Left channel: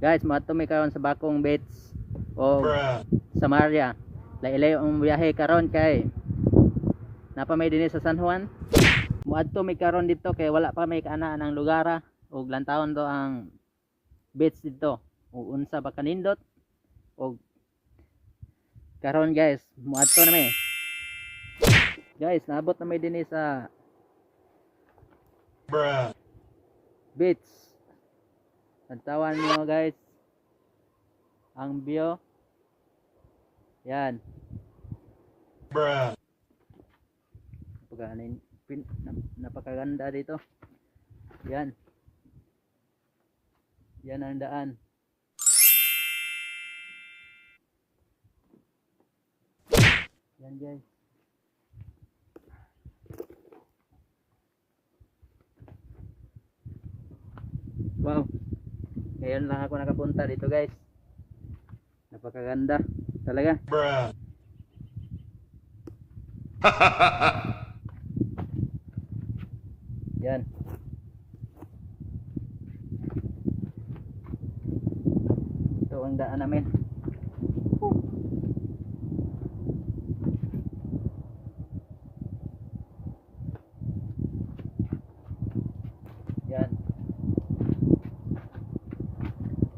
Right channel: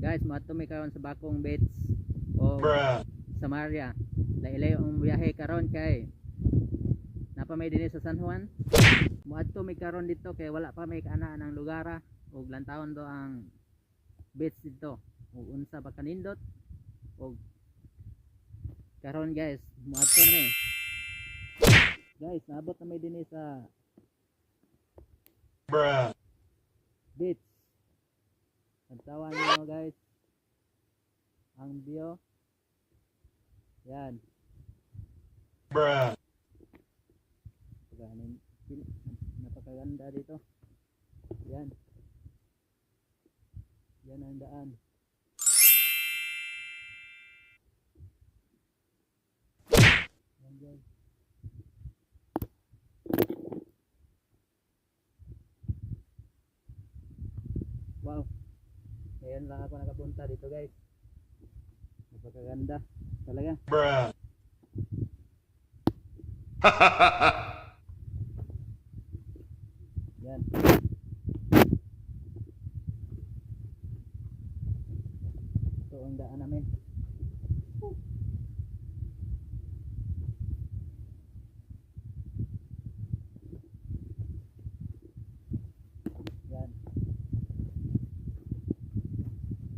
Guys, mato mi karon sa Bakong Beach o Samaria. Lailay ang biyahe karon kay napa may dinhi sa San Juan. Muadto mi karon dito kay wala pa may kaanaan ang lugara ug lantawon do ang beach dito. Ug unsa ba kanindot? Ug karon guys, muadto na mi. Guys, naabot na may dinhi sa beach. Lantawan niyo guys ang view. Yan. Napakaganda dito. Yan. Yan ang daan. Yan guys. Wow. Ngayon lang ako nakapunta dito guys. Napakaganda talaga. Yan. Ito ang daan namin. Yan.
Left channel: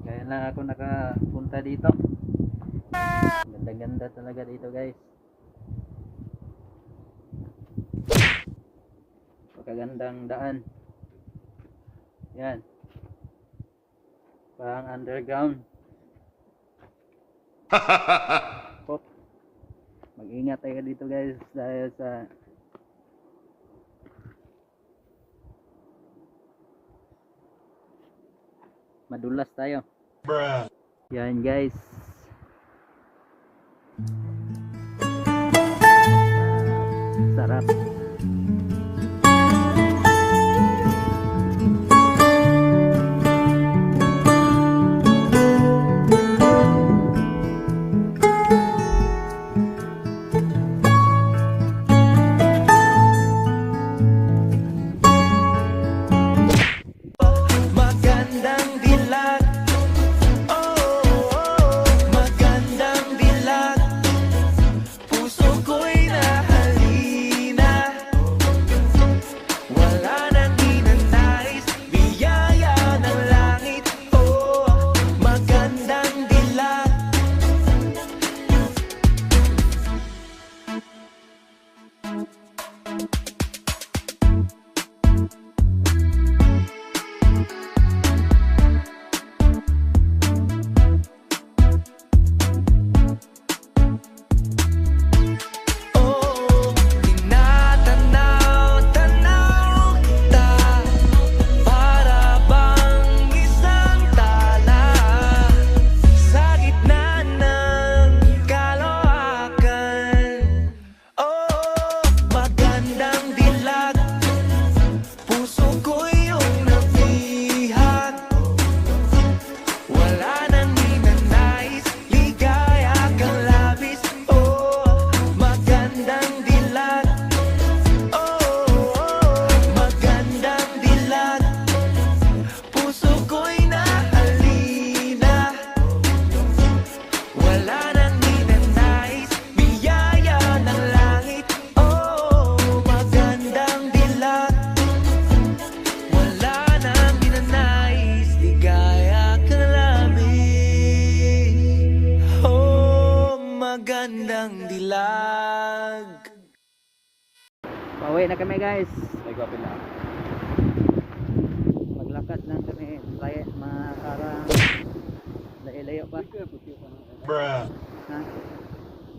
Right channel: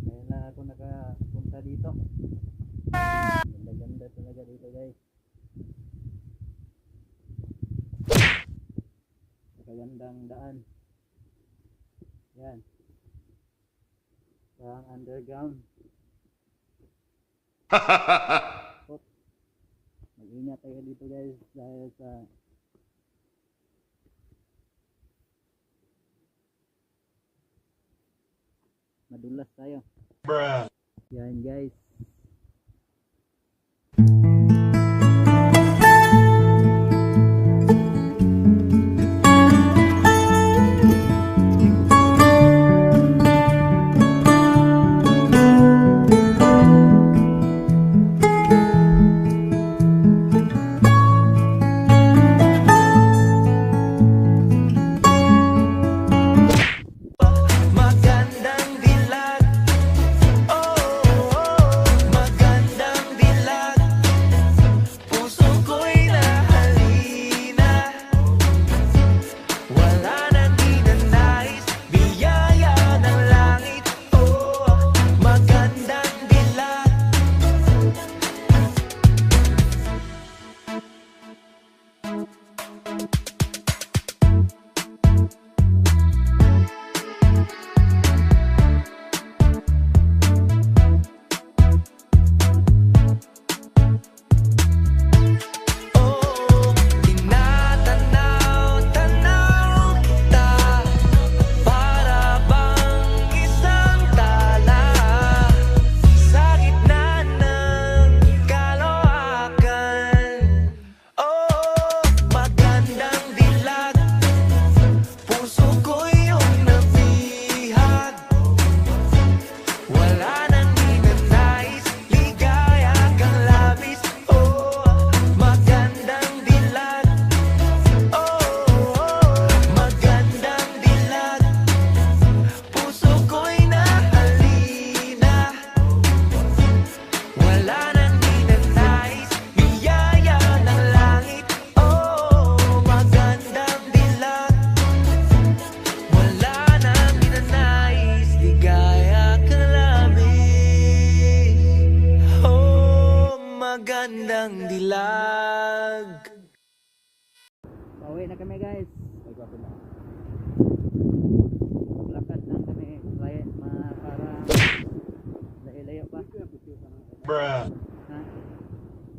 Ngayon lang ako nakapunta dito. Ganda-ganda talaga dito guys. Pagkagandang daan. Yan. Parang underground. Pop. Mag-ingat tayo dito guys dahil sa madulas tayo. Yan guys. Sarap. Magandang dilag. Magandang dilag. Puso ko'y nahalina. Wala nang ninanais, biyaya ng langit. Magandang dilag. Tinatanaw-tanaw kita para bang isang tala sa gitna ng kaloakan. Magandang dilag. Puso ko iyong nabihag. Wala nang ninanais, ligaya kang labis. Magandang dilag. Magandang dilag. Puso ko'y nahalina. Wala nang ninanais, biyaya ng langit. Magandang dilag. Wala nang ninanais, ligaya kang labis. Magandang dilag. Pauwi na kami guys. Maglakad lang kami. Para layo pa. Ha?